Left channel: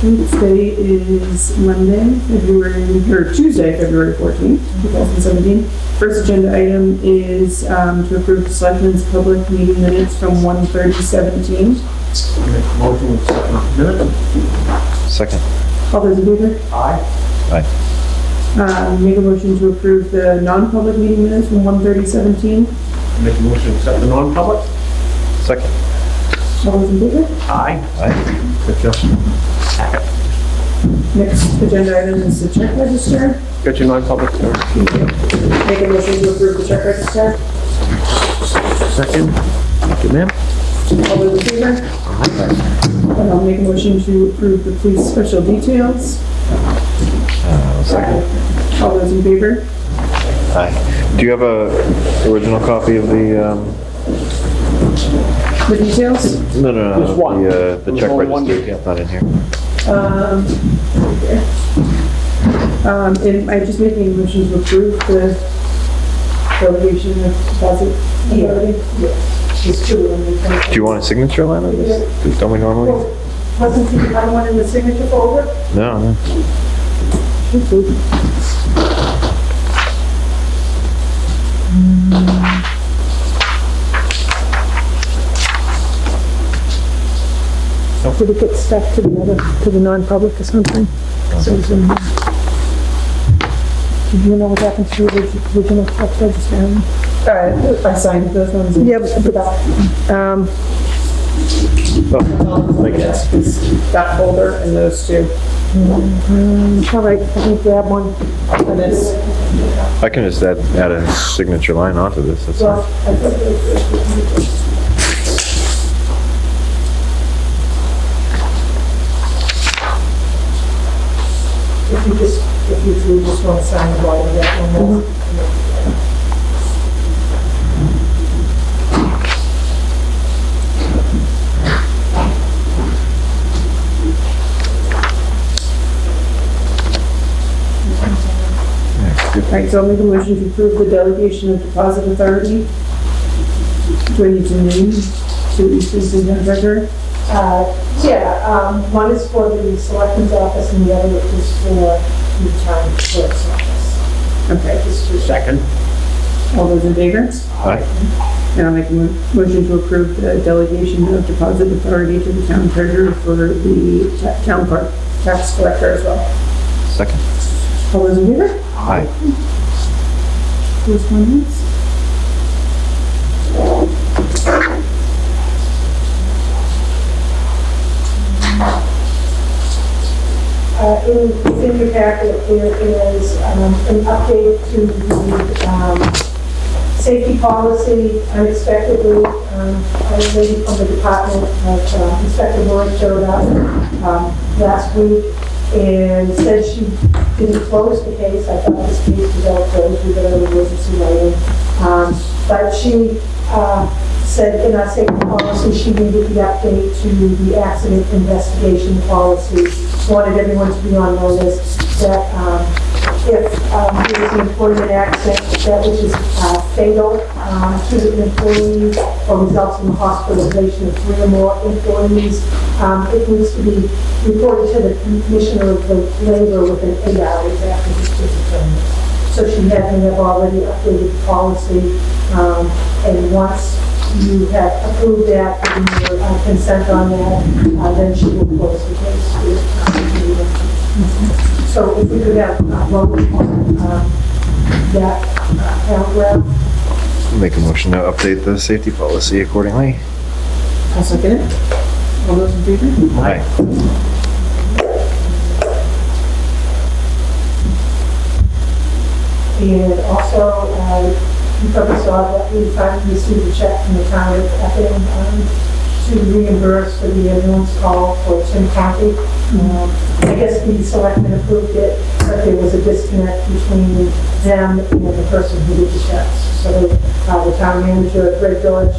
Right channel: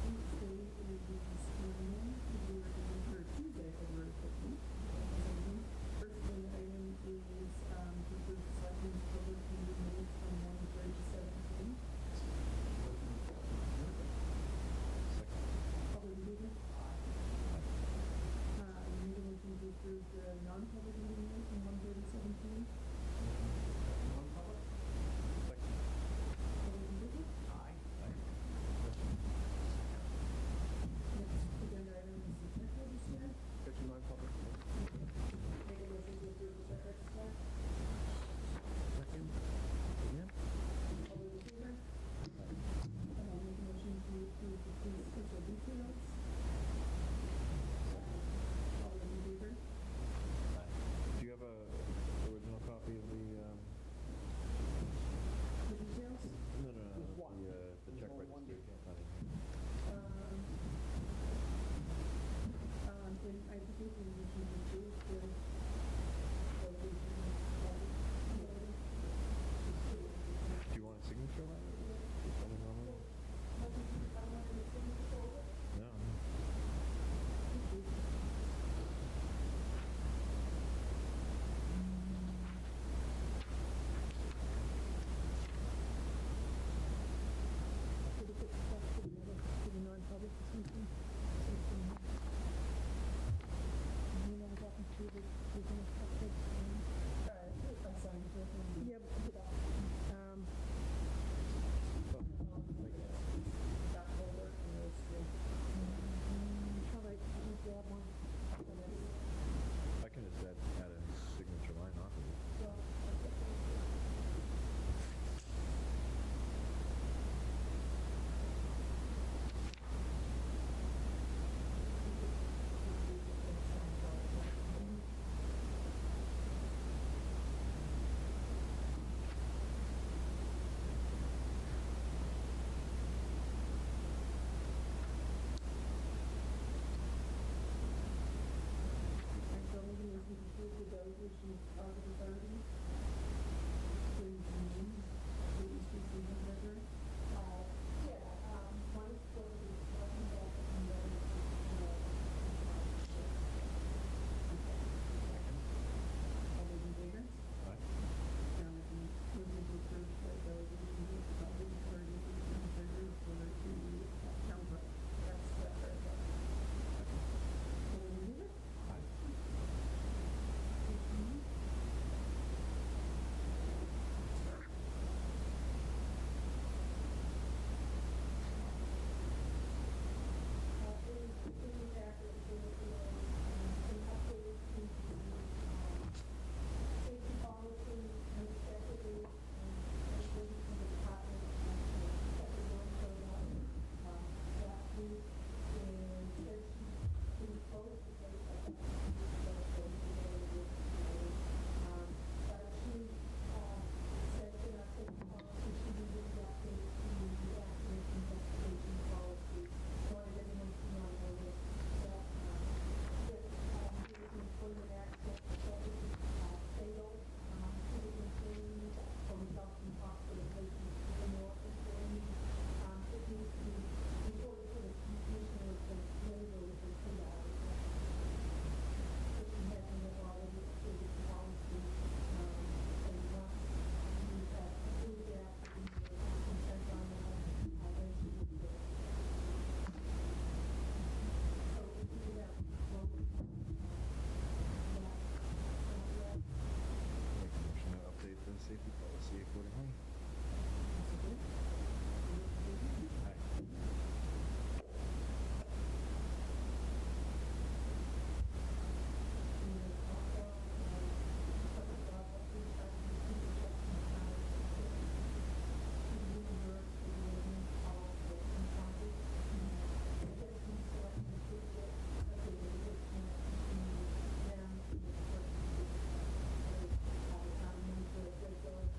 Today is Tuesday, February 14th, 2017. First agenda item is to approve the Selectmen's public meeting minutes from 1/30/17. Make a motion with second minute. Second. All those in favor? Aye. Aye. Make a motion to approve the non-public meeting minutes from 1/30/17. Make a motion to accept the non-public. Second. All those in favor? Aye. Aye. Got your packet. Next agenda item is the check register. Got your non-public, sir. Make a motion to approve the check register. Second. Thank you, ma'am. All those in favor? And I'll make a motion to approve the police special details. Second. All those in favor? Aye. Do you have a original copy of the, The details? no, Just one. the There's check only one. register? Yeah, not in here. And I'm just making a motion to approve the delegation of deposit authority. There's two of them. Do you want a signature line on this? Don't we normally? Wasn't the other one in the signature folder? No, no. Did it get stuck to the non-public or something? So it's in- Do you know what happened to the original check register? I signed those ones. Yeah, but, That folder and those two. all right, I can grab one. And this. I can just add a signature line onto this. That's fine. If you just want to sign the bottom of that one. All right, so I'll make a motion to approve the delegation of deposit authority. Do I need to name to Eastern Town Treasurer? One is for the Selectmen's office and the other is for the town clerk's office. Okay, Second. all those in favor? Aye. And I'll make a motion to approve the delegation of deposit authority to the town treasurer for the town clerk, tax collector as well. Second. All those in favor? Aye. Correspondence? In your packet, there is an update to the safety policy. Unexpectedly, a lady from the Department of Inspector Ward showed up last week and said she didn't close the case. I thought this case was all closed. We got an emergency writing. But she said in our safety policy, she needed the update to the accident investigation policy. Wanted everyone to be on notice that if there is an employment accident that which is fatal to the employee or results in the hospitalization of 3 or more employees, it needs to be reported to the Commissioner of the Labor within 8 hours after his discipline. So she had me have already updated the policy, and once you have approved that and your consent on that, then she will close the case. So if we could have vote on that paragraph. Make a motion to update the safety policy accordingly. I'll second it. All those in favor? Aye. And also, you probably saw that we finally received a check from the town of Epping to reimburse for the ambulance call for Tim County. I guess the selectmen approved it, but there was a disconnect between them and the person who did the checks. So the town manager, Greg George,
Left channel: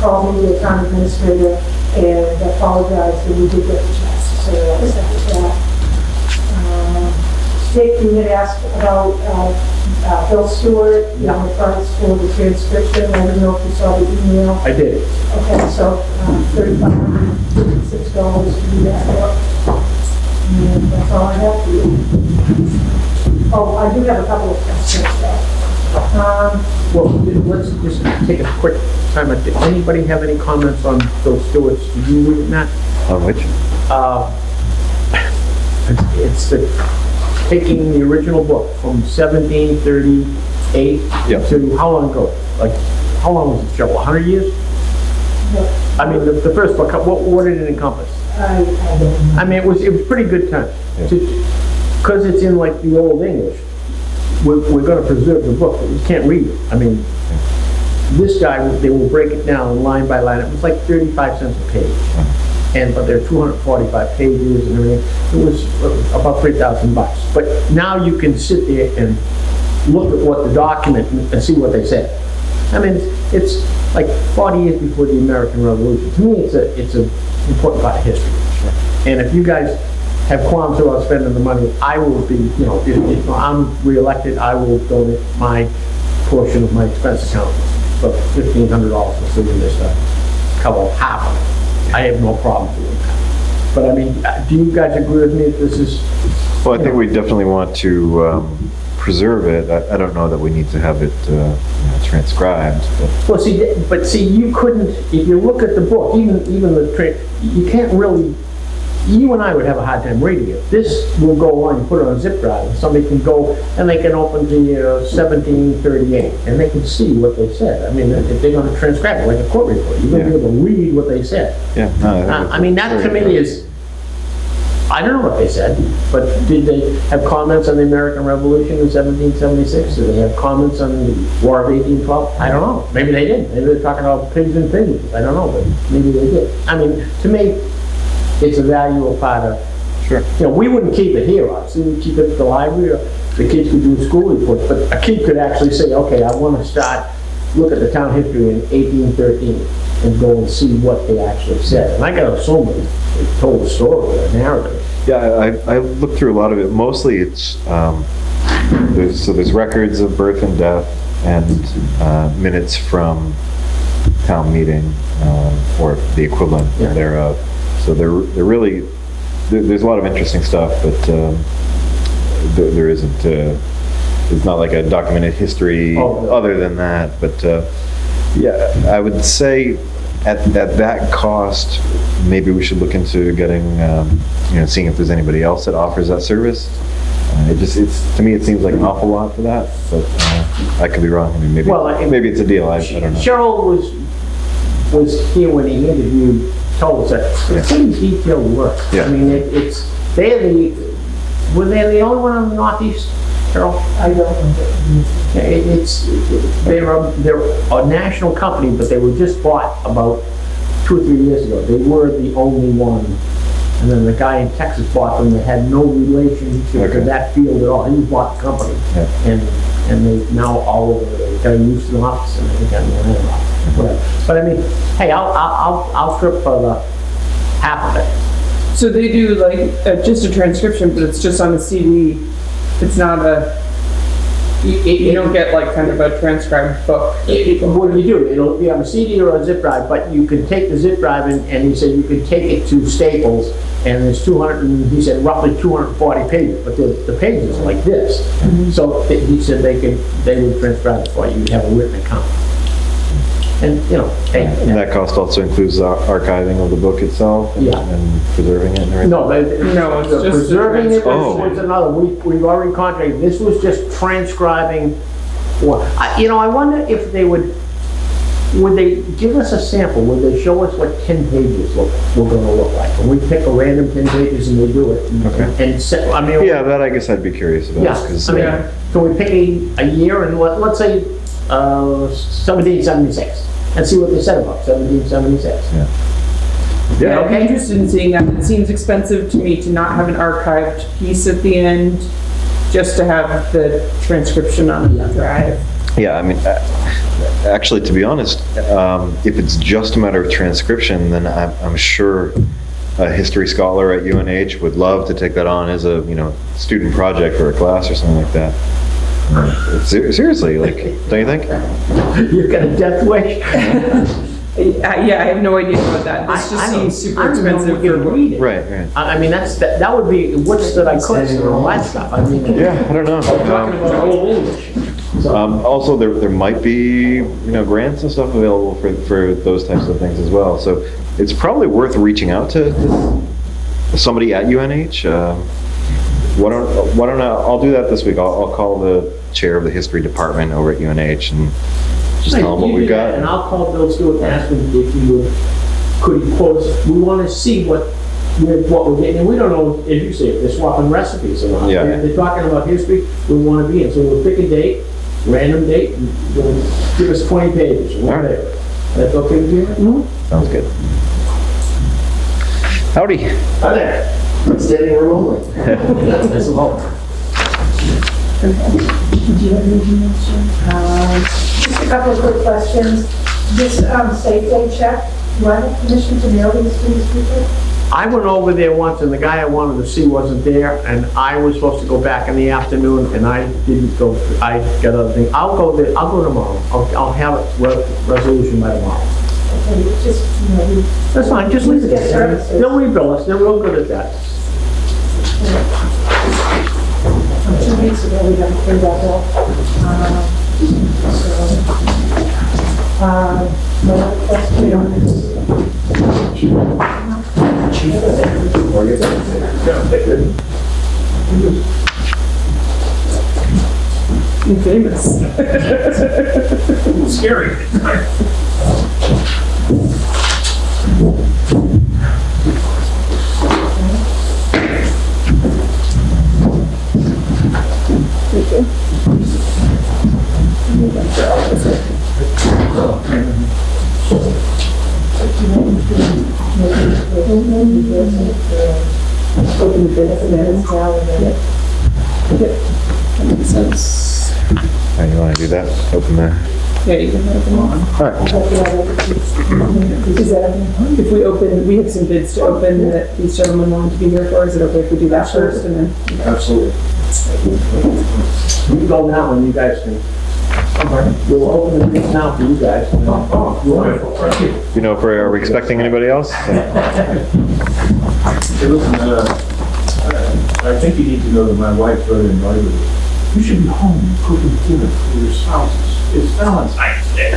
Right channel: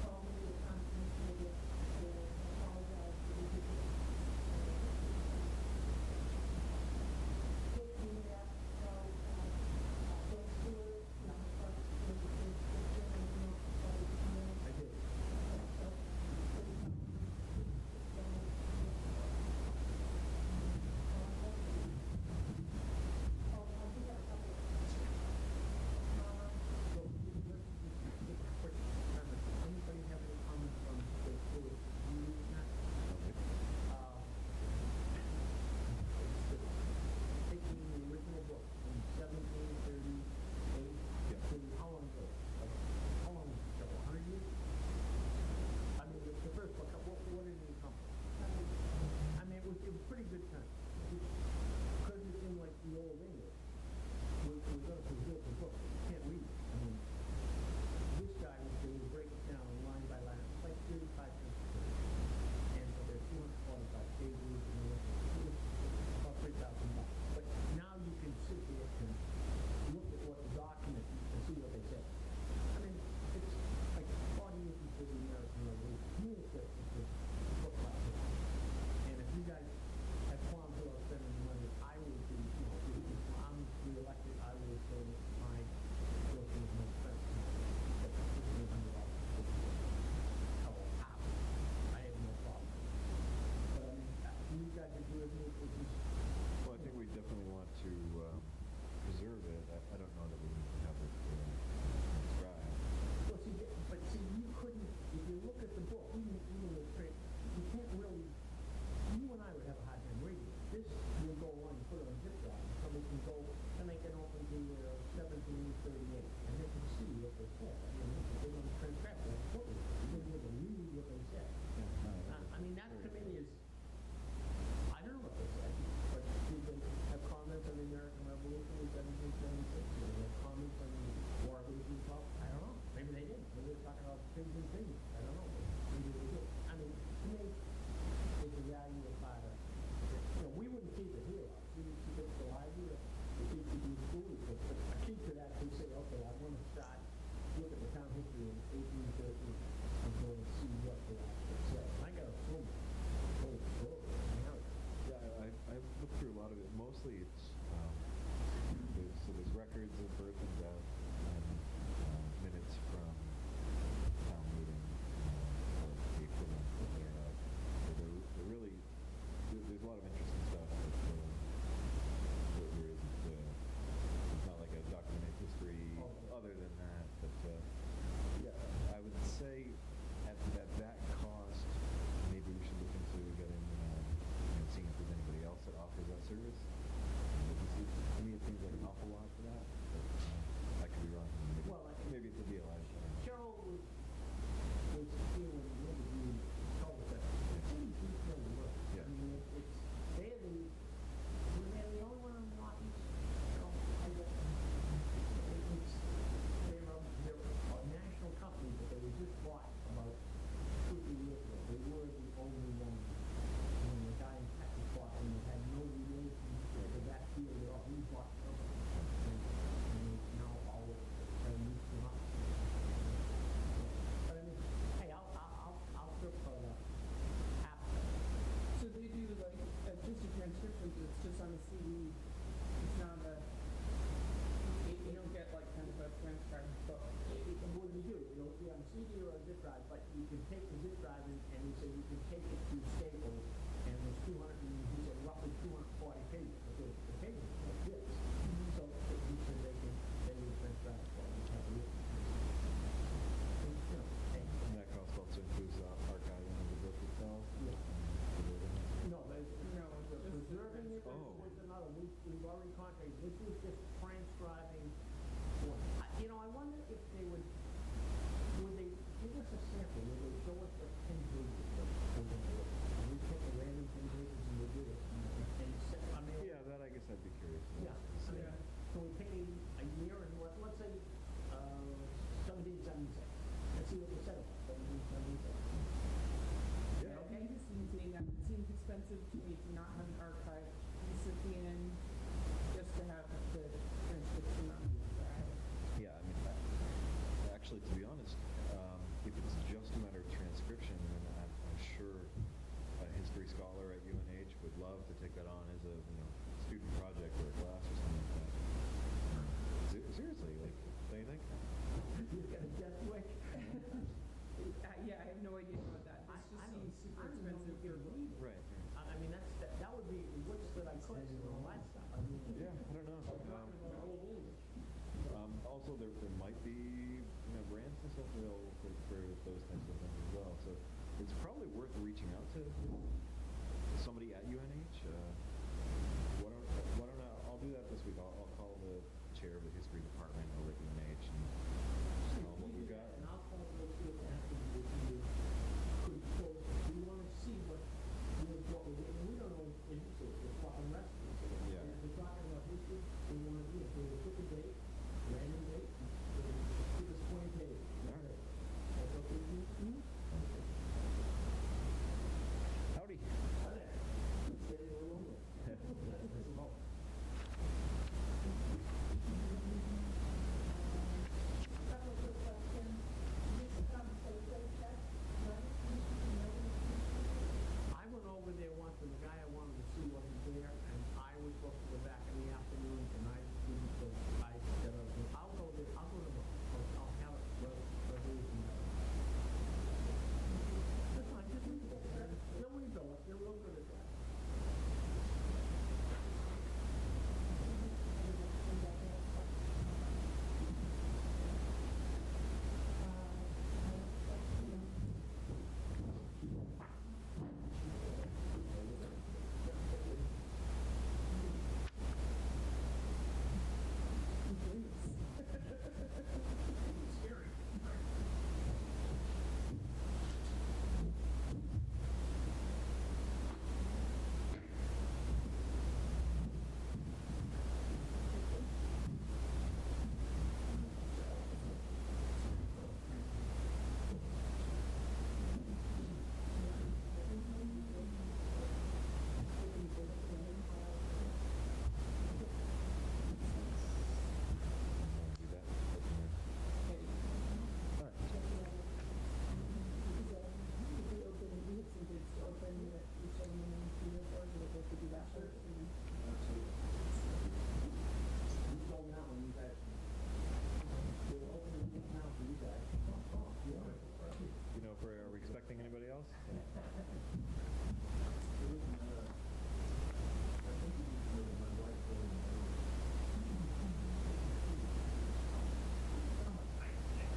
called me, the town administrator, and apologized that we did get the checks. So that was that. Dick, you had asked about Bill Stewart, the price for the transcription. I don't know if you saw the email. I did. Okay, so $3,556 to do that. And that's all I have for you. Oh, I do have a couple of questions, though. Well, let's just take a quick time. Did anybody have any comments on Bill Stewart's? Did you read it, Matt? On which? It's taking the original book from 1738 Yep. to how long ago? Like, how long was it, Cheryl? 100 years? I mean, the first book, what did it encompass? I don't know. I mean, it was pretty good time. Yeah. Because it's in like the Old English, we're going to preserve the book, but you can't read it. I mean, this guy, they will break it down line by line. It was like 35 cents a page. But there are 245 pages and everything. It was about $3,000. But now you can sit there and look at what the document and see what they said. I mean, it's like 40 years before the American Revolution. To me, it's an important part of history. And if you guys have qualms about spending the money, I will be, if I'm reelected, I will donate my portion of my expense account, about $1,500 for doing this stuff, cover half of it. I have no problem doing that. But I mean, do you guys agree with me that this is? Well, I think we definitely want to preserve it. I don't know that we need to have it transcribed. Well, see, you couldn't, if you look at the book, even you can't really, you and I would have a hard time reading it. This will go on, you put it on a zip drive, and somebody can go and they can open to 1738, and they can see what they said. I mean, if they're going to transcribe it like a court report, you're going to be able to read what they said. Yeah. No, I mean, that to me is, I don't know what they said, but did they have comments on the American Revolution in 1776? Did they have comments on the War of 1812? I don't know. Maybe they did. Maybe they're talking about pigs and pigeons. I don't know, but maybe they did. I mean, to me, it's a valuable part of, Sure. we wouldn't keep it here, obviously. We'd keep it at the library, or the kids could do school reports, but a kid could actually say, okay, I want to look at the town history in 1813 and go and see what they actually said. And I got to assume they told a story, a narrative. Yeah, I looked through a lot of it. Mostly it's, there's records of birth and death and minutes from town meeting or the equivalent thereof. So they're really, there's a lot of interesting stuff, but there isn't, it's not like a documented history other than that. But yeah, I would say at that cost, maybe we should look into getting, seeing if there's anybody else that offers that service. To me, it seems like an awful lot for that, but I could be wrong. I mean, maybe it's a deal. I don't know. Cheryl was here when he interviewed, told us that it's pretty detailed work. Yeah. I mean, were they the only one in the Northeast, Cheryl? I don't know. They're a national company, but they were just bought about 2 or 3 years ago. They were the only one. And then the guy in Texas bought them that had no relationship to that field at all. He bought the company. Yeah. And they now all over, they got a Houston office and they got an Atlanta office. But I mean, hey, I'll trip for the half of it. So they do like just a transcription, but it's just on a CD. It's not you don't get like kind of a transcribed book. What do you do? It'll be on a CD or a zip drive, but you can take the zip drive and he said you could take it to Staples and there's he said roughly 240 pages, but the pages are like this. So he said they would transcribe it for you. You'd have a written account. And, And that cost also includes the archiving of the book itself and preserving it and everything? No, it's just preserving it Oh. was another. We've already contracted. This was just transcribing. I wonder if they would they give us a sample? Would they show us what 10 pages were going to look like? And we pick a random 10 pages and they do it. Okay. Yeah, that I guess I'd be curious about. Yeah, so we pick a year and let's say 1776 and see what they said about 1776. Yeah, I'd be interested in seeing that. It seems expensive to me to not have an archived piece at the end, just to have the transcription on the drive. Yeah, I mean, actually, to be honest, if it's just a matter of transcription, then I'm sure a history scholar at UNH would love to take that on as a student project for a class or something like that. Seriously, don't you think? You've got a death wish. Yeah, I have no idea about that. This just I don't- seems super I don't know if expensive we can for. read it. Right, right. I mean, that would be, what's that I could, and all that stuff, I mean. Yeah, I don't know. We're talking about Old English. So, Also, there might be, grants and stuff available for those types of things as well. So it's probably worth reaching out to somebody at UNH. Why don't I'll do that this week. I'll call the chair of the history department over at UNH and just tell them what you we've do that, got. And I'll call Bill Stewart and ask him if he would, could he quote us, we want to see what we're getting, and we don't know, as you say, if they're swapping recipes or not. Yeah. If they're talking about history, we want to be in, so we'll pick a date, random date, and you'll give us 20 pages, or All right. whatever. That's okay with you? Sounds good. Howdy. Hi there. Standing room only. That's a lot. Just a couple of quick questions. This safe day check, do I have permission to mail these to these people? I went over there once, and the guy I wanted to see wasn't there, and I was supposed to go back in the afternoon, and I didn't go, I got other things. I'll go there, I'll go tomorrow. I'll have a resolution by tomorrow. Okay, just, That's fine, just leave it Yes, there. sir. They'll rebill us, they're real good at that. 2 weeks ago, we got to pay that off. My other question, Famous. Scary. Open the bid for that. Yep. That makes sense. All right, you want to do that? Open the. Yeah, you can open one. All right. Is that, if we open, we have some bids to open that these gentlemen wanted to be here for. Is it okay if we do that first and then? Absolutely. You can go now, and you guys can. We'll open the things now for you guys. Wonderful, thank you. You know, are we expecting anybody else? Hey, listen, I think you need to know that my wife really invited you. You should be home cooking dinner for your spouses. It's Valentine's Day.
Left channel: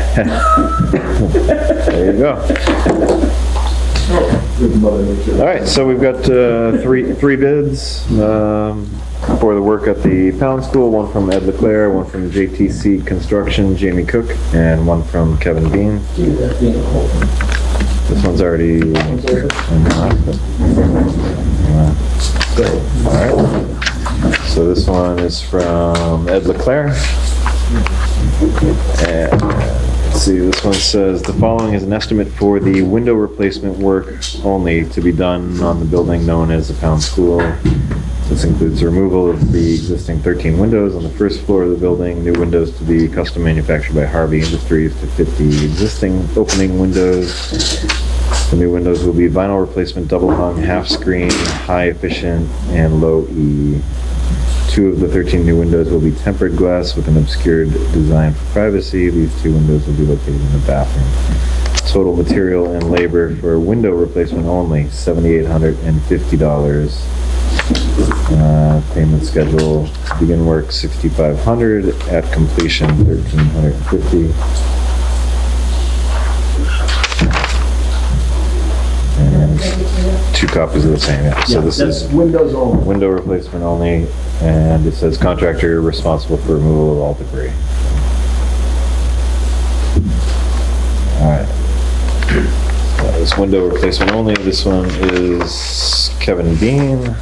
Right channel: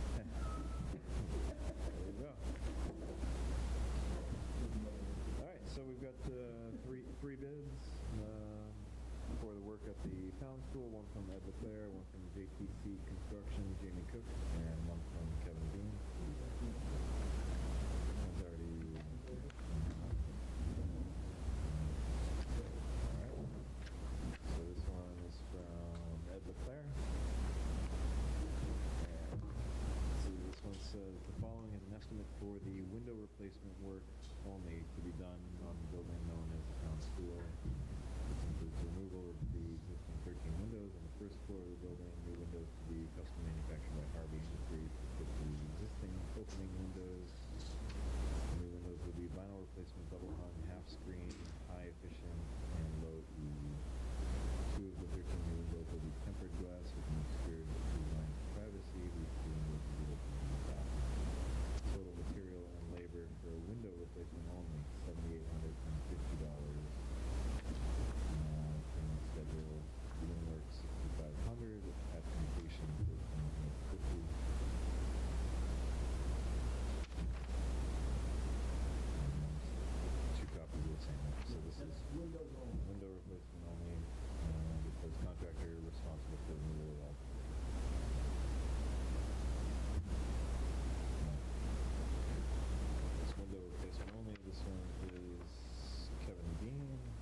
There you go. Good Mother Nature. All right, so we've got three bids for the work at the Pound School, one from Ed LeClaire, one from JTC Construction, Jamie Cook, and one from Kevin Bean. This one's already in the All right. So this one is from Ed LeClaire. And let's see, this one says, the following is an estimate for the window replacement work only to be done on the building known as the Pound School. This includes removal of the existing 13 windows on the first floor of the building, new windows to be custom manufactured by Harvey Industries to fit the existing opening windows. The new windows will be vinyl replacement, double hung, half screen, high efficient, and low E. 2 of the 13 new windows will be tempered glass with an obscured design for privacy. These 2 windows will be located in the bathroom. Total material and labor for window replacement only, $7,850. Payment schedule, to begin work $6,500, at completion $1,350. And 2 copies of the same, yeah. So this That's is Windows only. window replacement only, and it says contractor responsible for removal of all debris. All right. That was window replacement only. This one is Kevin Bean.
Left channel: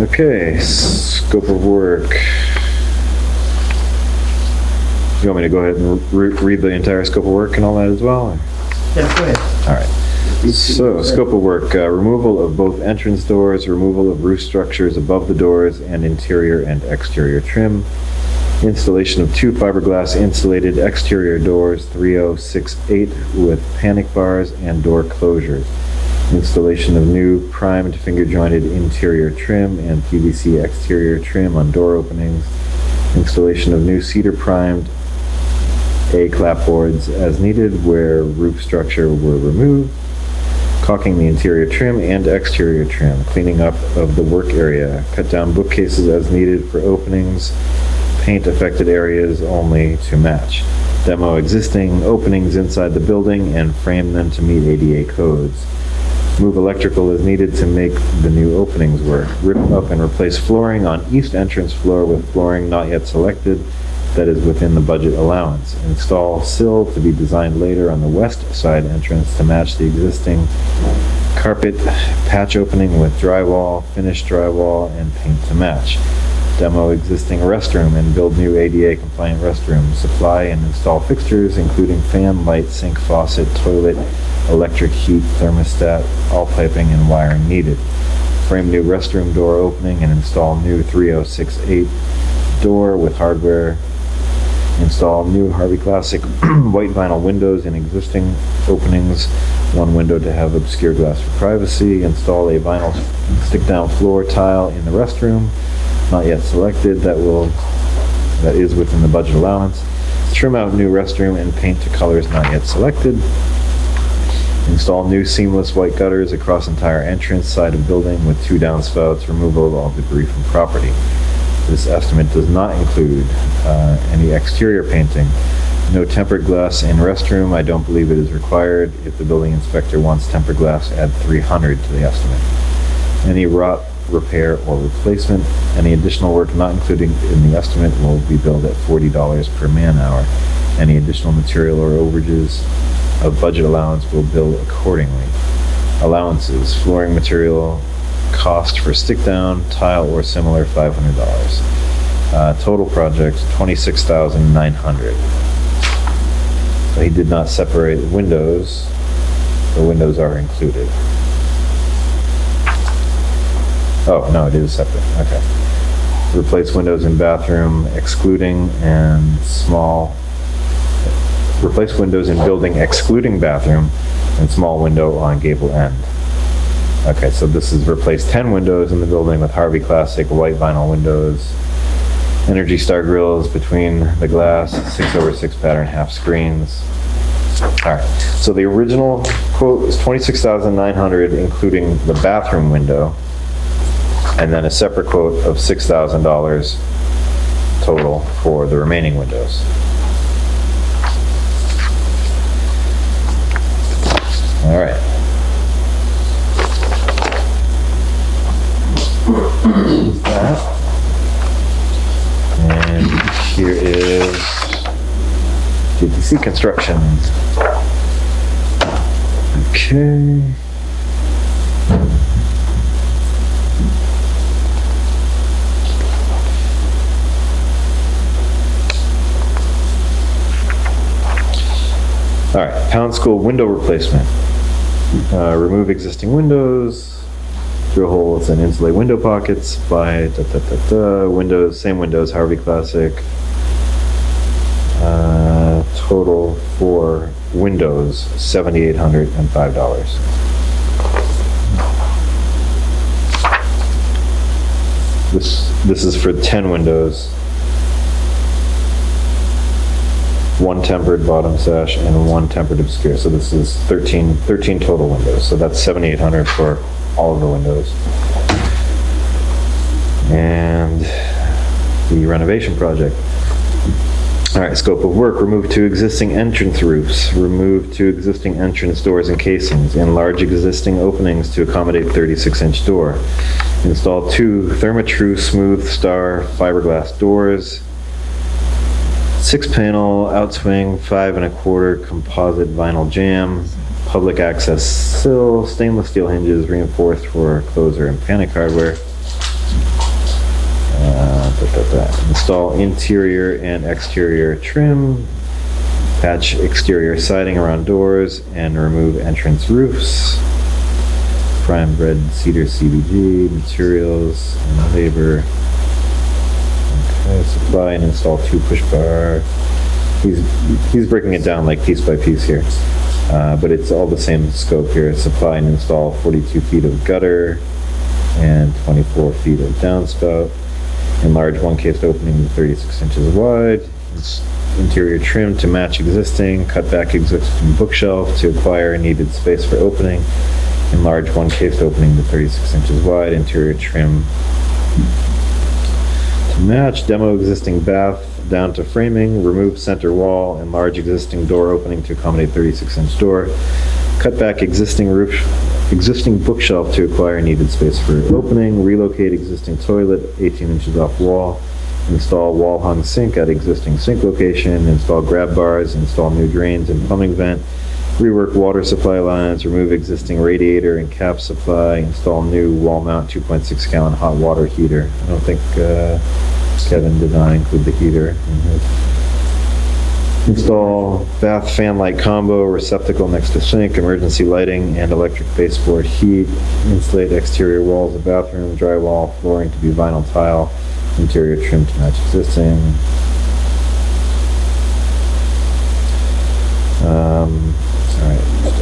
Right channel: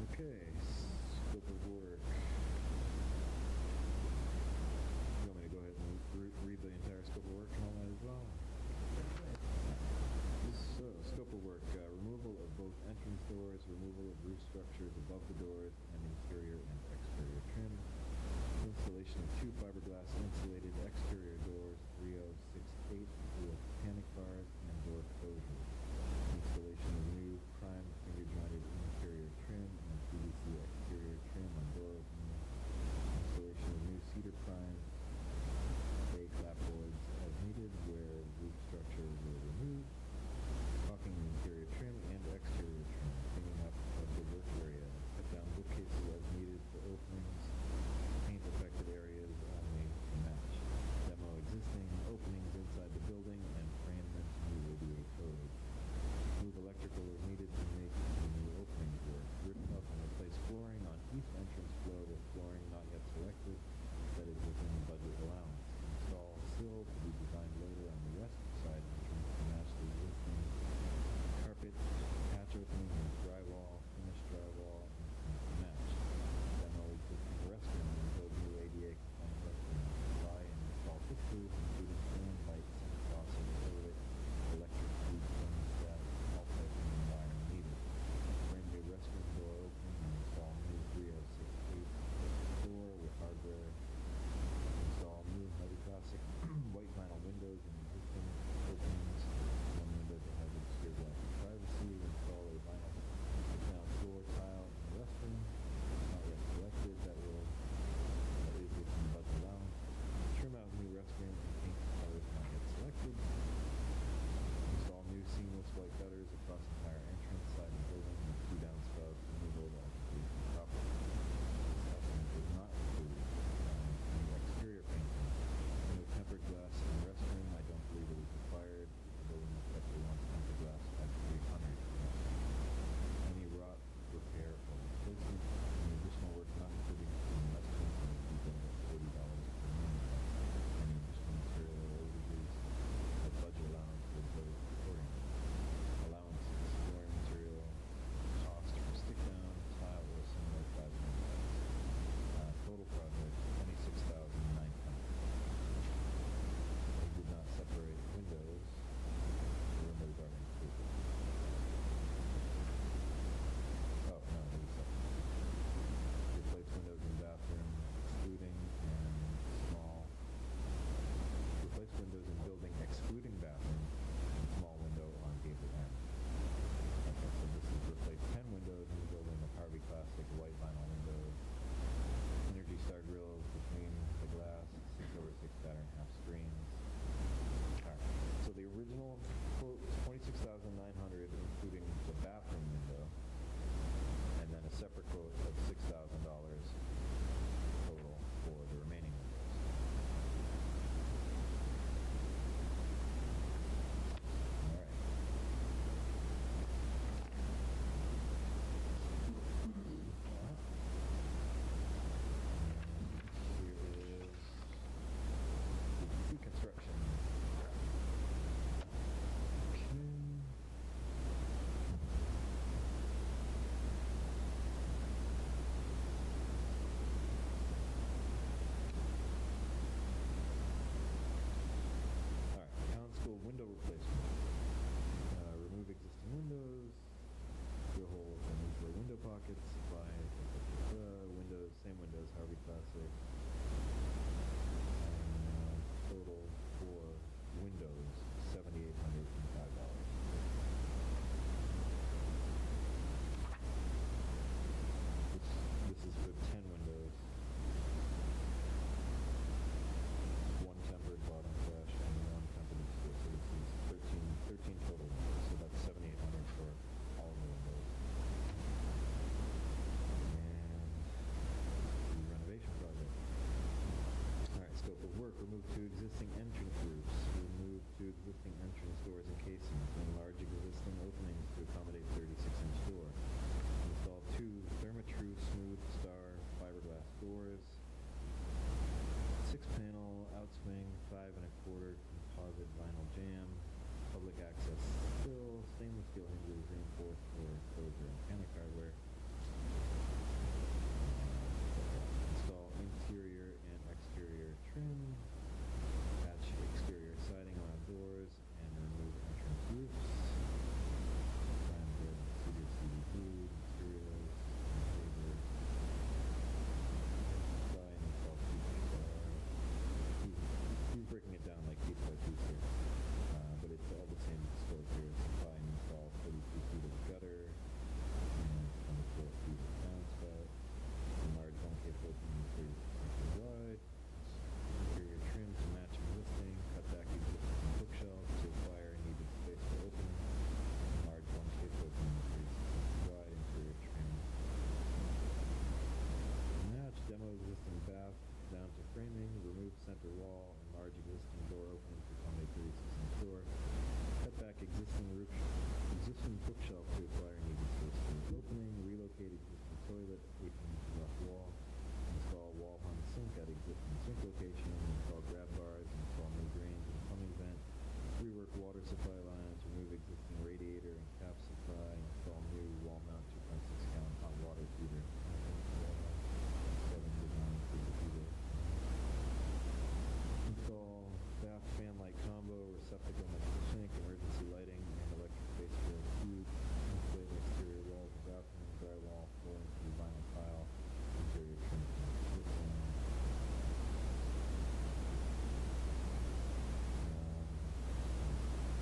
Okay, scope of work. You want me to go ahead and read the entire scope of work and all that as well? Yeah, go ahead. All right. So, scope of work, removal of both entrance doors, removal of roof structures above the doors, and interior and exterior trim. Installation of 2 fiberglass insulated exterior doors, 3068, with panic bars and door closures. Installation of new primed finger jointed interior trim and PVC exterior trim on door openings. Installation of new cedar primed A clapboards as needed where roof structure were removed, caulking the interior trim and exterior trim, cleaning up of the work area, cut down bookcases as needed for openings, paint affected areas only to match, demo existing openings inside the building and frame them to meet ADA codes, move electrical as needed to make the new openings work, rip up and replace flooring on east entrance floor with flooring not yet selected that is within the budget allowance, install sill to be designed later on the west side entrance to match the existing carpet patch opening with drywall, finished drywall, and paint to match. Demo existing restroom and build new ADA compliant restroom. Supply and install fixtures including fan, light, sink, faucet, toilet, electric heat, thermostat, all piping and wiring needed. Frame new restroom door opening and install new 3068 door with hardware. Install new Harvey Classic white vinyl windows in existing openings. One window to have obscure glass for privacy. Install a vinyl stick-down floor tile in the restroom, not yet selected, that is within the budget allowance. Trim out new restroom and paint to colors not yet selected. Install new seamless white gutters across entire entrance side of building with 2 downspouts. Removal of all debris from property. This estimate does not include any exterior painting. No tempered glass in restroom. I don't believe it is required. If the building inspector wants tempered glass, add $300 to the estimate. Any rot repair or replacement. Any additional work not included in the estimate will be billed at $40 per man hour. Any additional material or overages of budget allowance will bill accordingly. Allowances, flooring material, cost for stick down, tile or similar, $500. Total project, $26,900. So he did not separate windows. The windows are included. Oh, no, it is separate, okay. Replace windows in bathroom excluding and small, replace windows in building excluding bathroom and small window on gable end. Okay, so this is replace 10 windows in the building with Harvey Classic white vinyl windows, Energy Star grills between the glass, 6/6 pattern half screens. All right, so the original quote was $26,900 including the bathroom window, and then a separate quote of $6,000 total for the remaining windows. All right. That. And here is GTC construction. Okay. All right, Pound School window replacement. Remove existing windows, drill holes and insulate window pockets, buy windows, same windows, Harvey Classic. Total for windows, $7,805. This is for 10 windows. 1 tempered bottom sash and 1 tempered obscure. So this is 13 total windows. So that's $7,800 for all of the windows. And the renovation project. All right, scope of work, remove 2 existing entrance roofs, remove 2 existing entrance doors and casings, enlarge existing openings to accommodate 36-inch door. Install 2 Therma-Tru smooth star fiberglass doors, 6-panel outswing, 5 1/4 composite vinyl jamb, public access sill, stainless steel hinges reinforced for closer and panic hardware. Install interior and exterior trim, patch exterior siding around doors, and remove entrance roofs. Prime red cedar CBG, materials and labor. Okay, supply and install 2 push bar. He's breaking it down like piece by piece here, but it's all the same scope here. Supply and install 42 feet of gutter and 24 feet of downspout. Enlarge 1 cased opening to 36 inches wide. interior trim to match existing, cut back existing bookshelf to acquire needed space for opening, enlarge one cased opening to 36 inches wide, interior trim to match, demo existing bath down to framing, remove center wall, enlarge existing door opening to accommodate 36-inch door, cut back existing bookshelf to acquire needed space for opening, relocate existing toilet 18 inches off wall, install wall hung sink at existing sink location, install grab bars, install new drains and plumbing vent, rework water supply lines, remove existing radiator and cap supply, install new wall mount 2.6 gallon hot water heater. I don't think Kevin did not include the heater in his. Install bath fan light combo, receptacle next to sink, emergency lighting and electric baseboard heat, insulate exterior walls of bathroom, drywall, flooring to be vinyl tile, interior trim to match existing.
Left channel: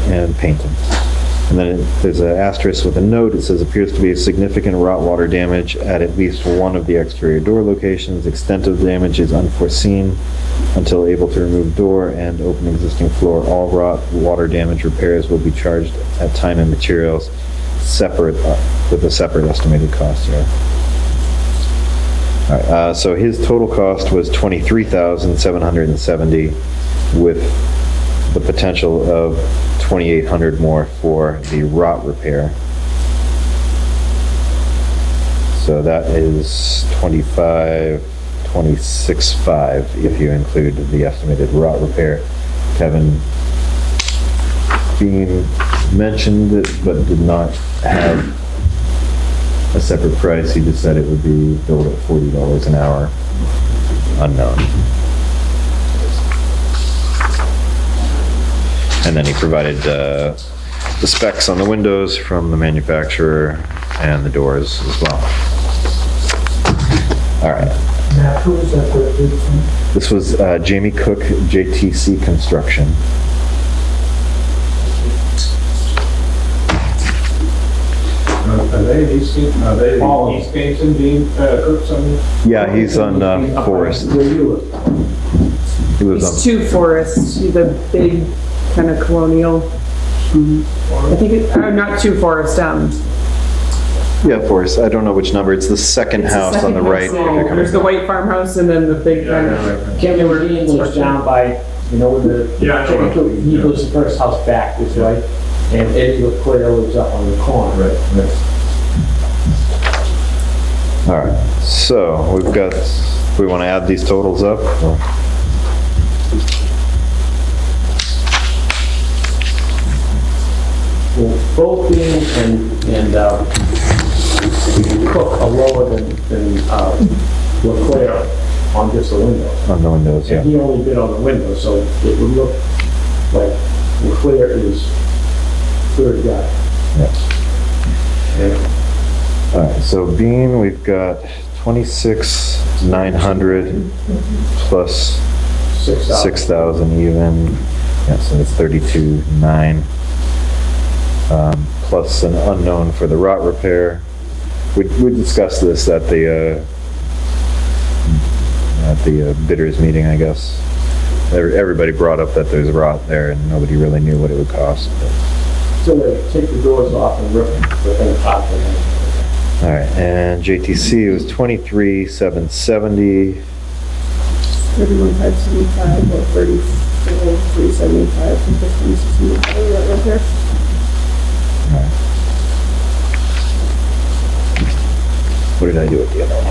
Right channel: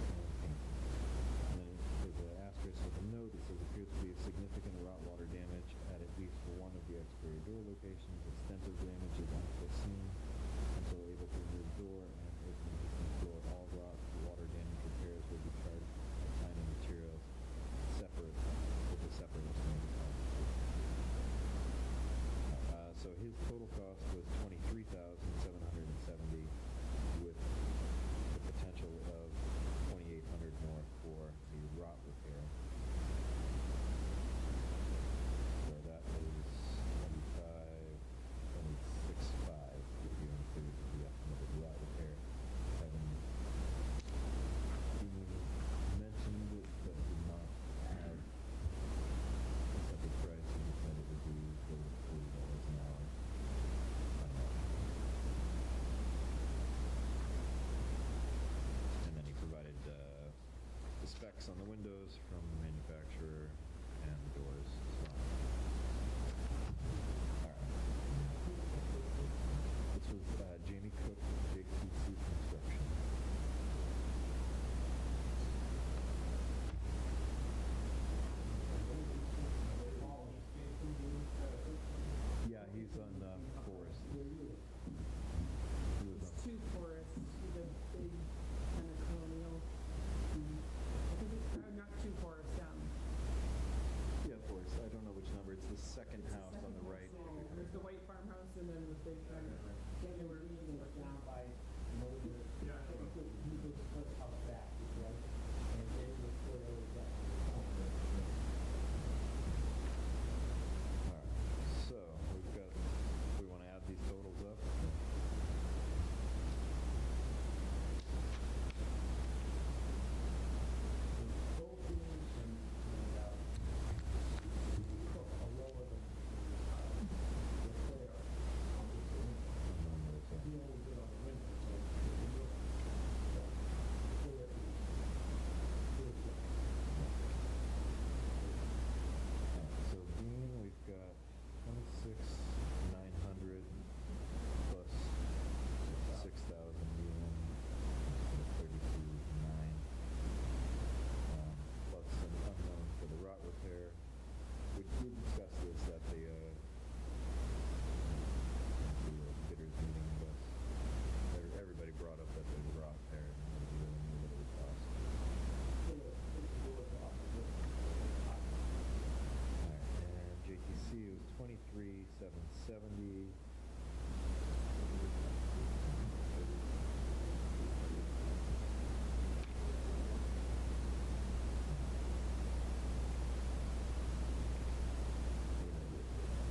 And painting. And then there's an asterisk with a note. It says appears to be a significant rot water damage at least one of the exterior door locations. Extent of damage is unforeseen until able to remove door and open existing floor. All rot water damage repairs will be charged at time and materials separate with a separate estimated cost here. All right, so his total cost was $23,770 with the potential of $2,800 more for the rot repair. So that is $26,500 if you include the estimated rot repair. Kevin Bean mentioned it, but did not have a separate price. He just said it would be billed at $40 an hour, unknown. And then he provided the specs on the windows from the manufacturer and the doors as well. All right. Matt, who was that for? This was Jamie Cook, JTC Construction. Are they East Kingston being Cooks on this? Yeah, he's on Forest. Where you live? He was It's two forests, the big kind of colonial. I think not two forests, yeah, Forest. I don't know which number. It's the second it's the house second on the right. house. There's the white farmhouse and then the big kind of. Kevin Dean lives down by, you know, where the Yeah, I know where- chicken coop, he lives the first house back this way, and Eddie LaClaire lives up on the corner. Right. All right. So we've got. We want to add these totals up. Or? Well, both Dean and Cook are lower than LaClaire on just the windows. On the windows, yeah. And he only bid on the windows, so it would look like LaClaire is third guy. Yeah. And All right. So Bean, we've got 26,900 plus 6,000. 6,000 even. Yeah, so that's 32,900. Plus an unknown for the rot repair. We discussed this at the bidders meeting, I guess. Everybody brought up that there's rot there and nobody really knew what it would cost. So they take the doors off and rip them apart. All right, and JTC was 23,770. 31,575 or 34,375 from 15,675 right there. All right. What did I do at the other one?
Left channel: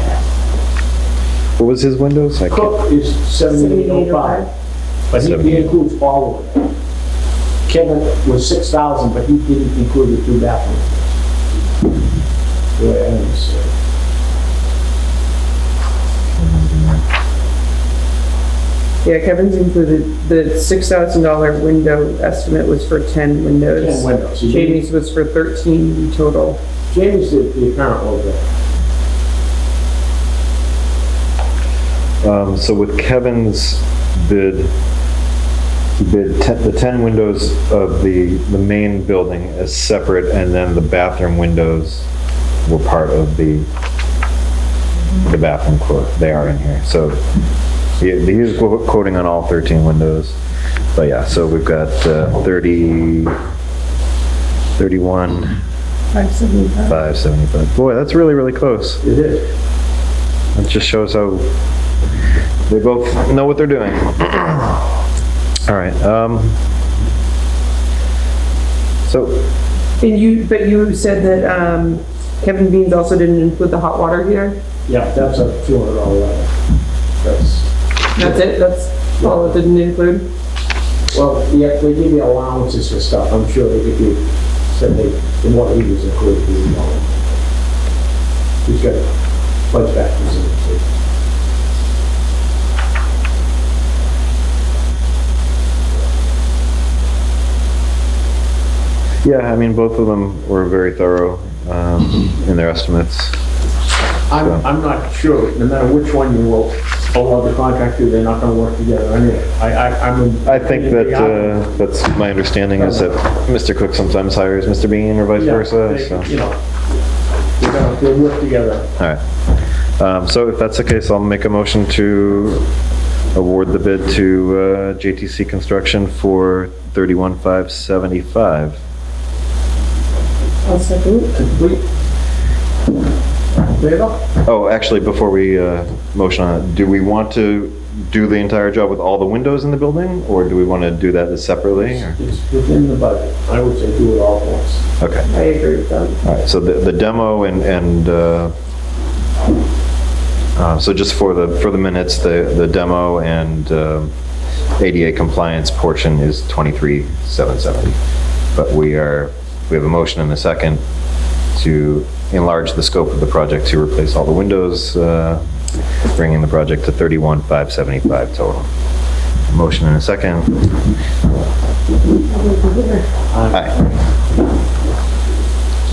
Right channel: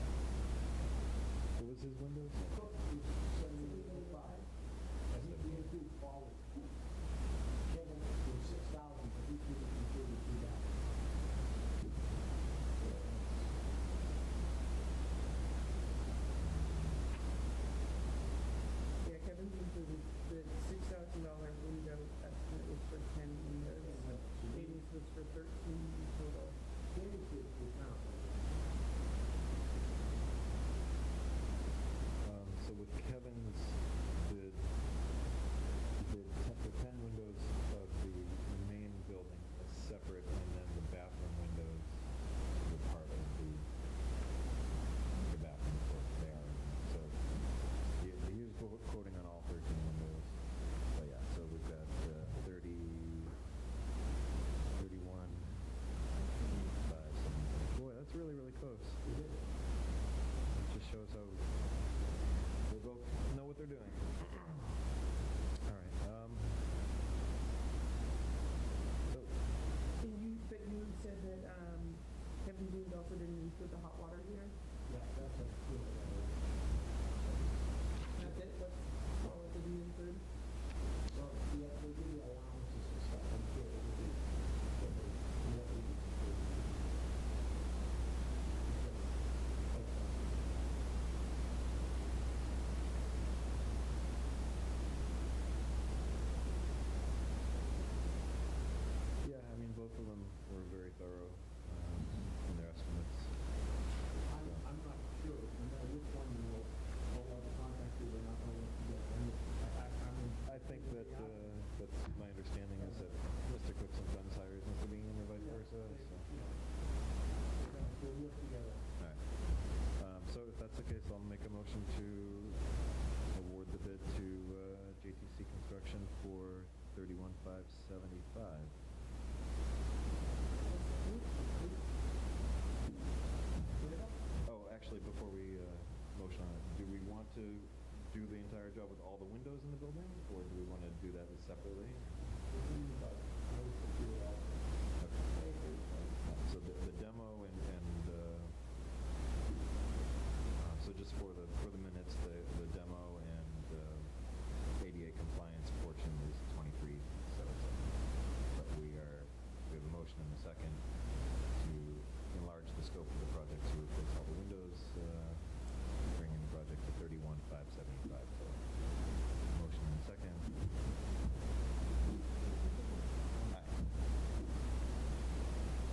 What was his windows? I can't. Cook is 7,805, but he includes all of it. Kevin was 6,000, but he didn't include the two bathrooms. The way I understand it. Yeah, Kevin's included, the $6,000 window estimate was for 10 windows. 10 windows. Jamie's was for 13 total. Jamie's the apparent logo. So with Kevin's bid, he bid the 10 windows of the main building as separate, and then the bathroom windows were part of the bathroom quote. They are in here. So He was quoting on all 13 windows. But yeah, so we've got 30, 31, 575. 575. Boy, that's really, really close. It is. It just shows how they both know what they're doing. All right. So, But you said that Kevin Beans also didn't include the hot water heater? Yeah, that's a $200 level. That's That's it? That's all it didn't include? Well, yeah, they give you allowances for stuff. I'm sure that if you said the water heaters included, you know, he's got bunch factors in it too. yeah, I mean, both of them were very thorough in their estimates. I'm not sure, no matter which one you will allow the contract to, they're not gonna work together anyway. I think that that's my understanding is that Mr. Cook sometimes hires Mr. Bean or vice versa. So. You know, they'll work together. All right. So if that's the case, I'll make a motion to award the bid to JTC Construction for $31,575. I'll second. Complete. There you go. Oh, actually, before we motion on it, do we want to do the entire job with all the windows in the building, or do we want to do that separately? Or? It's within the budget. I would say do it all at once. Okay. I agree with that. All right. So the demo and so just for the minutes, the demo and ADA compliance portion is $23,770. But we have a motion and a second to enlarge the scope of the project to replace all the windows, bringing the project to $31,575 total. Motion and a second. Aye.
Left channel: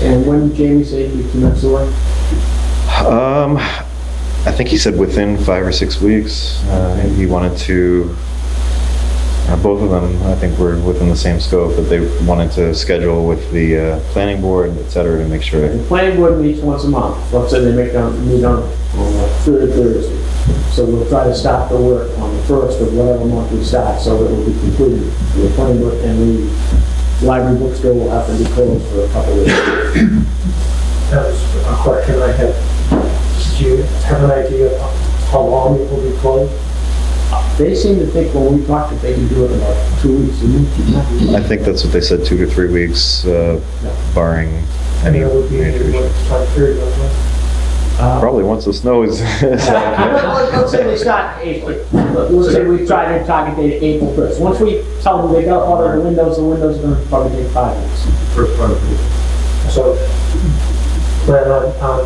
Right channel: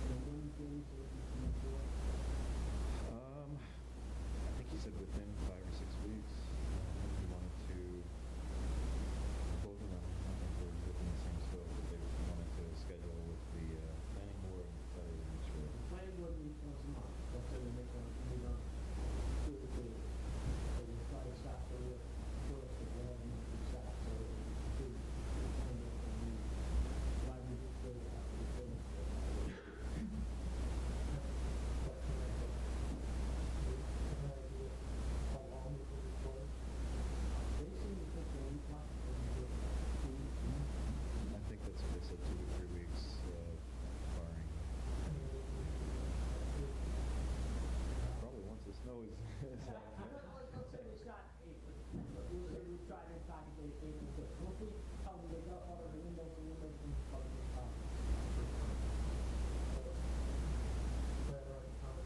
And when did Jamie say he commenced the work? I think he said within 5 or 6 weeks. He wanted to, both of them, I think, were within the same scope, that they wanted to schedule with the planning board, et cetera, to make sure. The planning board meets once a month. Let's say they meet on third Thursday. So we'll try to start the work on the first of whatever month we start, so that it will be completed. The planning board and the library bookstore will have to be closed for a couple of weeks. That was a question I had. Do you have an idea of how long it will be closed? They seem to think when we talked that they can do it in about 2 weeks. I think that's what they said, 2 to 3 weeks, barring And any there would be major what issues. time period of it? Probably once the snow is. Let's say they start April. Let's say we try to target date April 1st. Once we tell them they got all of the windows are going to probably take 5 weeks. First part of it. So plan on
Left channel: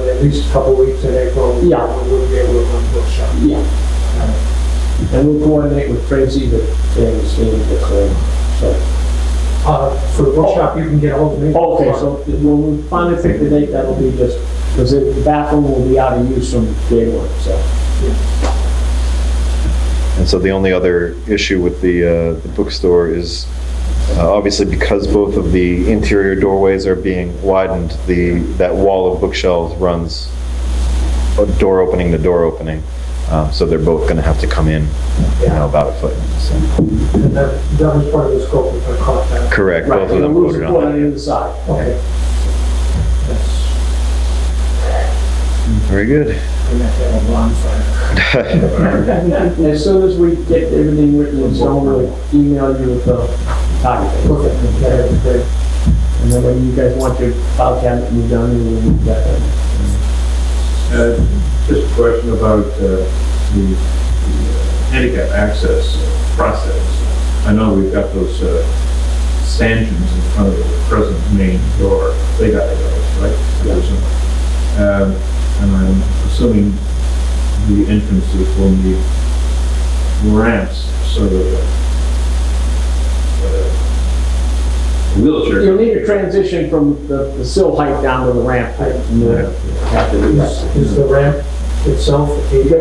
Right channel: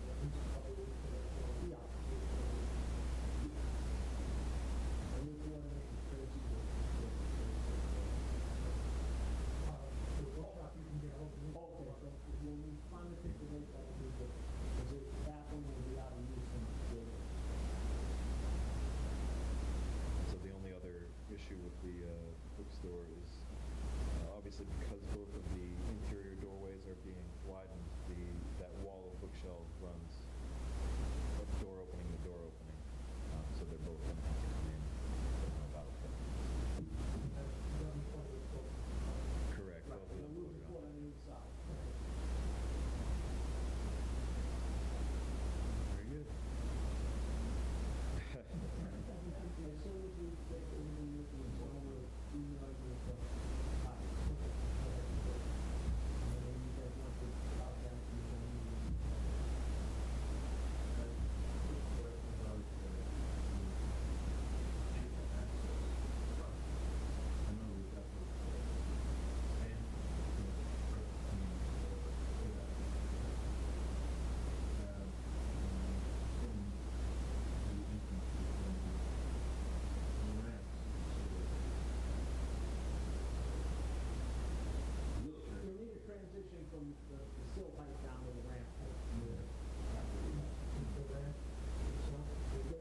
at least a couple weeks in April. Yeah. We would be able to run the bookshop. Yeah. And we'll coordinate with Tracy that things get cleared. So. For the bookshop, you can get hold of me. Okay, so when we finally pick the date, that'll be just, because the bathroom will be out of use from day one, so. And so the only other issue with the bookstore is obviously because both of the interior doorways are being widened, that wall of bookshelves runs a door opening to door opening. So they're both going to have to come in, about a foot. So. And that was part of the scope of the contract. Correct. Right, Both of them and we'll voted support on on that. either side. Okay. That's, Very good. we have to have a bonfire. As soon as we get everything written in stone, we'll email you with the target date. Okay, that is great. And then when you guys want your file cabinet moved down, you will move that. Just a question about the handicap access process. I know we've got those stanchions in front of the present main door. They got those, right? And I'm assuming the entrances will need ramps so that wheelchair. You'll need a transition from the sill height down to the ramp height. And you'll have to do that. Is the ramp itself The ADA?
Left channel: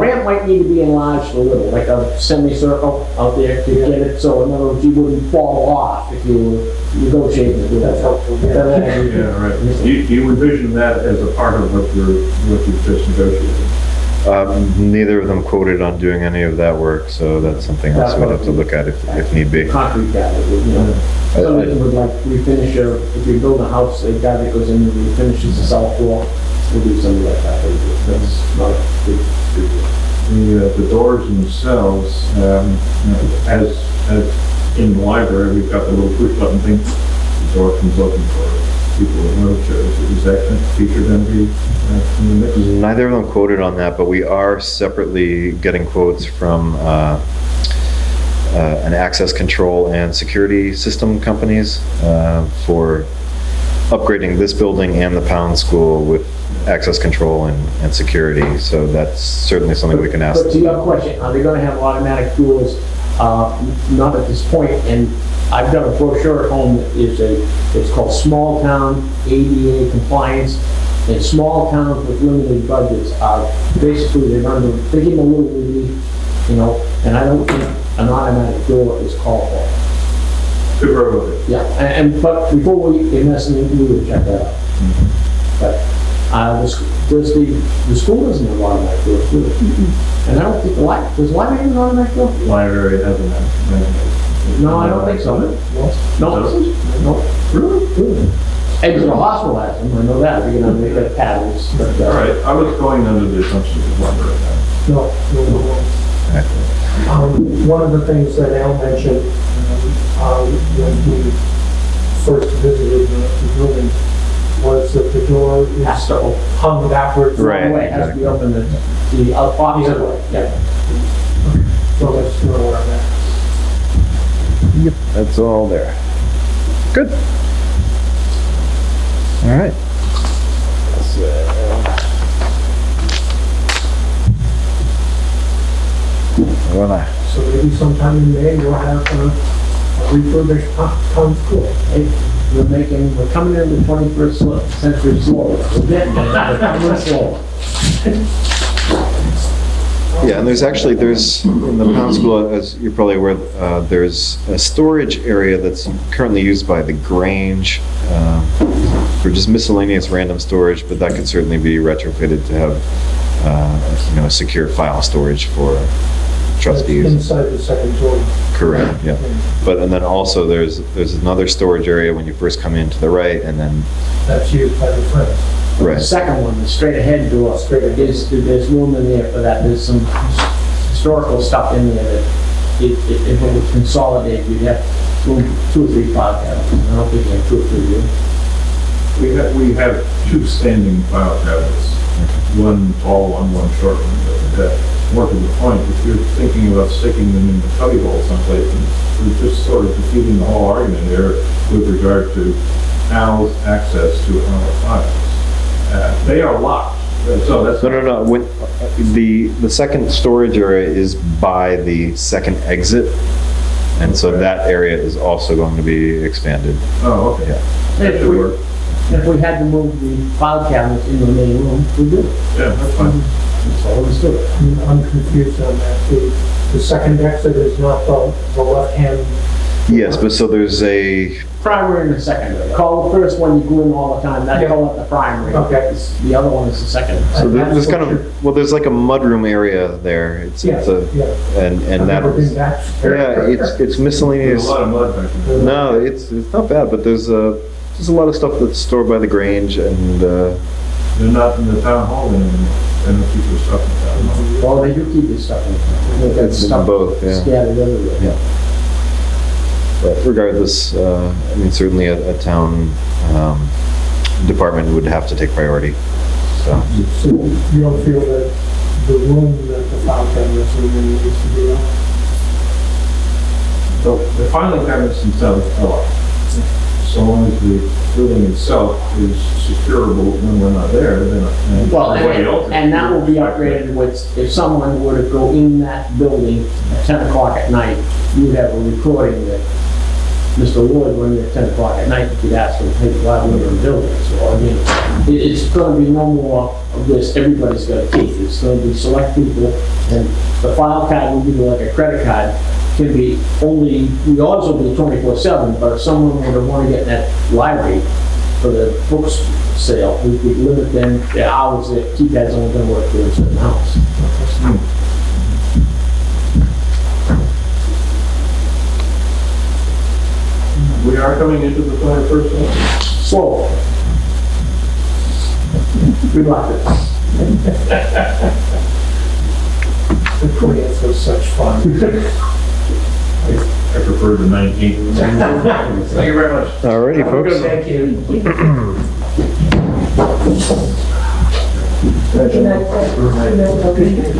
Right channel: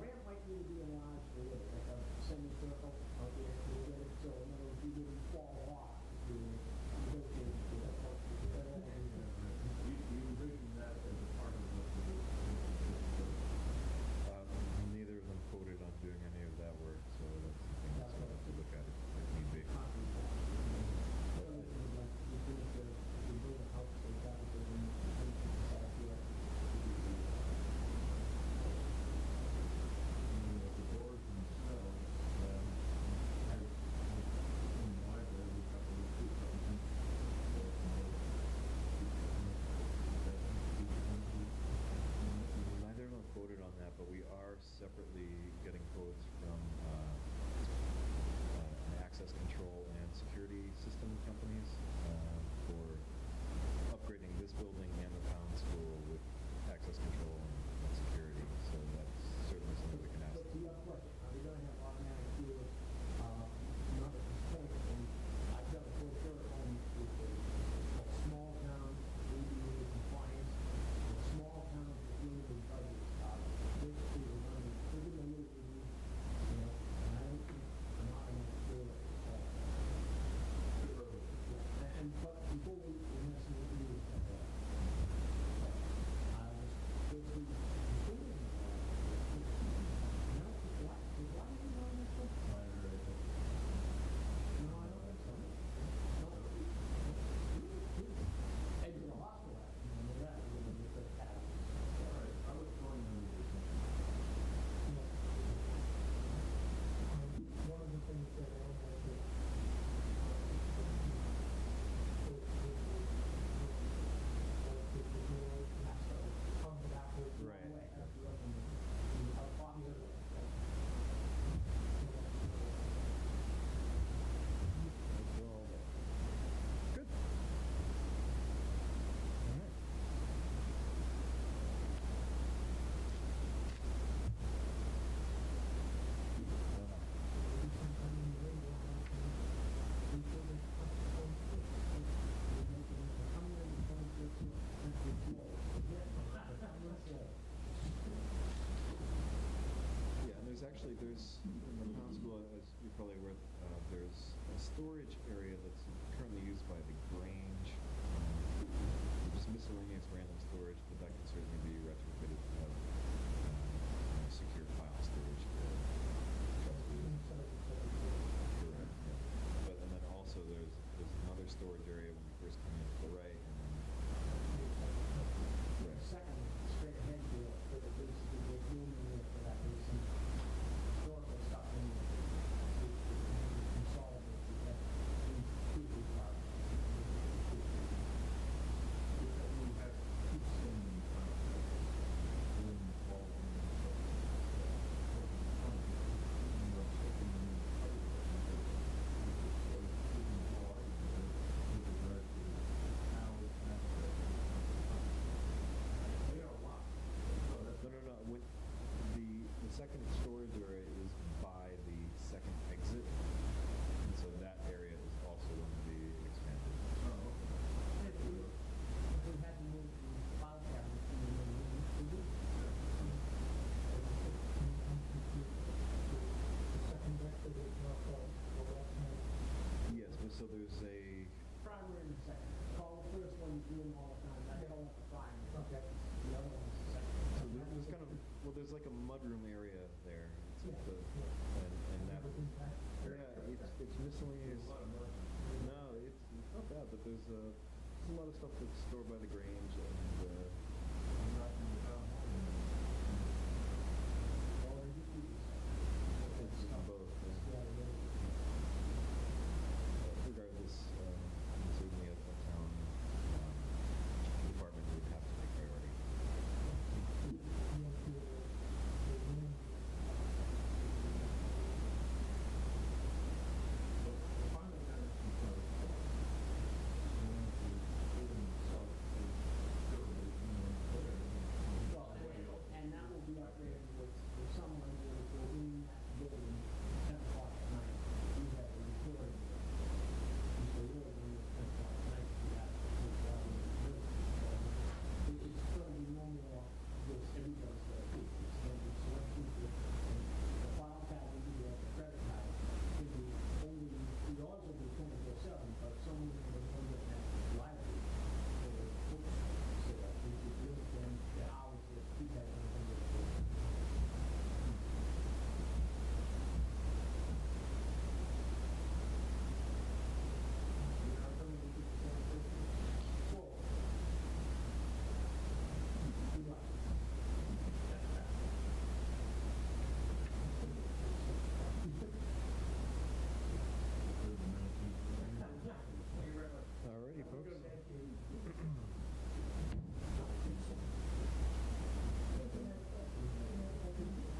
ramp might need to be enlarged a little, like a semicircle out there to get it, so in other words, you wouldn't fall off if you were negotiating to do that. That's helpful. That'll all be- Yeah, right. You envision that as a part of what you've just negotiated? Neither of them quoted on doing any of that work, so that's something else we'd have to look at if need be. Concrete cabinet, you know. Some of them would like refinish if you build a house, a guy that goes in and refinishes the south wall, we'll do something like that. That's not a big deal. The doors themselves, as in the library, we've got the little push button thing. The door comes open for people with wheelchairs. Is that feature going to be in the mix? Neither of them quoted on that, but we are separately getting quotes from an access control and security system companies for upgrading this building and the Pound School with access control and security. So that's certainly something we can ask. But to your question, are they going to have automatic doors? Not at this point, and I've got a brochure at home that is it's called Small Town ADA Compliance. And small towns with limited budgets are basically, they give them a little relief, you know, and I don't think an automatic door is called for. Good work with it. Yeah, but before we invest in it, we would check that out. But the school doesn't have automatic doors, do they? And I don't think does the library have an automatic door? Library has a No, I don't think so. No. Really? Exeter Hospital has them, I know that, we're gonna make that paddles. All right, I was going under the assumption of library. No. One of the things that Al mentioned when we first visited the building was that the door Has is to open. hung backwards. Right. It has to be open the opposite way, yeah. So let's know where I'm at. Yep, that's all there. Good. All right. So maybe sometime in May, we'll have a refurbished town school. Hey, we're coming into the 21st century slowly. We're getting there, we're coming slow. Yeah, and there's in the Pound School, as you're probably aware, there's a storage area that's currently used by the Grange for just miscellaneous random storage, but that could certainly be retrofitted to have, a secure file storage for trustees. Inside the second door. Correct, yeah. And then also there's another storage area when you first come in to the right, and then, That's used by the friends. The right. second one, the straight ahead door, there's room in there for that. There's some historical stuff in there that if it would consolidate, you'd have room 2 or 3 file cabinets. I don't think you have 2 or 3 here. We have 2 standing file cabinets, one tall one short one. But more to the point, if you're thinking about sticking them in the cubby hole someplace, we're just sort of defeating the whole argument there with regard to Al's access to our files. They are locked, so that's... No. When, the second storage area is by the second exit, and so that area is also going to be expanded. Oh, okay. Yeah. That should work. If we had to move the file cabinets in the main room, we'd do it. Yeah, that's fine. So let's do it. I'm confused on that. The second exit is not the left-hand. Yes, but so there's a, Primary and the secondary. Call the first one you go in all the time, that's called the primary. Okay. The other one is the secondary. so that's there's what kind of, well, there's like a mudroom area there. It's Yeah, a, yeah. and I've never been that, back. yeah, it's There's miscellaneous. a lot of mud back there. No, it's not bad, but there's a lot of stuff that's stored by the Grange, and They're not in the town hall anymore. They don't keep their stuff in the town hall. Well, they do keep this stuff in. They've got It's in stuff both, yeah. Scattered everywhere. Yeah. But regardless, I mean, certainly a town department would have to take priority. So So you don't feel that the room that the file cabinets are in needs to be up? So the filing cabinets themselves are locked. So long as the building itself is securable when we're not there, then... Well, and that will be upgraded with, if someone were to go in that building at 10 o'clock at night, you would have a recording that Mr. Wood, when you're at 10 o'clock at night, you could ask him, hey, why are we in the building? So, I mean, it's going to be no more of this, everybody's got a key. It's going to be select people, and the file card will be like a credit card. Can be only, yours will be 24/7, but if someone were to want to get in that library, for the books sale, we limit them, their hours, that you guys only gonna work for a certain hours. We are coming into the 21st century. Slow. Good luck. The plans are such fun. I prefer the 19th. Thank you very much. Alrighty, folks. Thank you. Good night. Good night.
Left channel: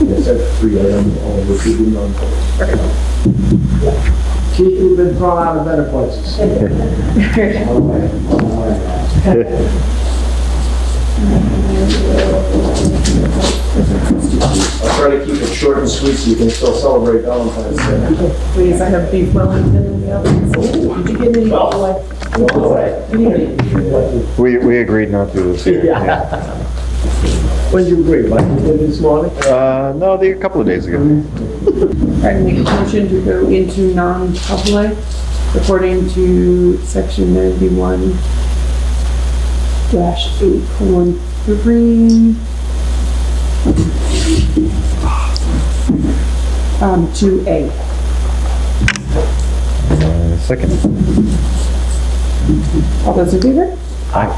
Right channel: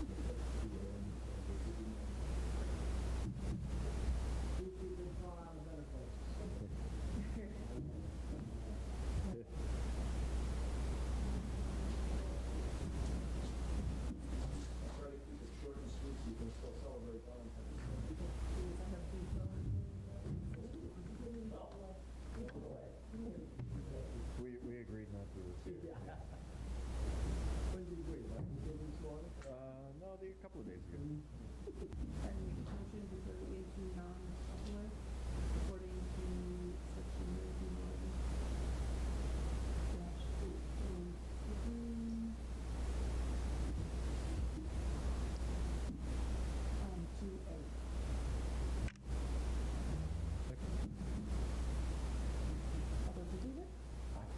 Yes, that's 3 items, all of which we do non-public. Keith, we've been thrown out of better places. I'll try to keep it short and sweet so you can still celebrate Valentine's Day. Please, I have beef Wellington in the oven. Did you get any? No way. We agreed not to this year. Yeah. When did you agree? Like you did this morning? No, a couple of days ago. I make a motion to go into non-public according to section 91 -8:3 2A. Second. All those in favor? Aye.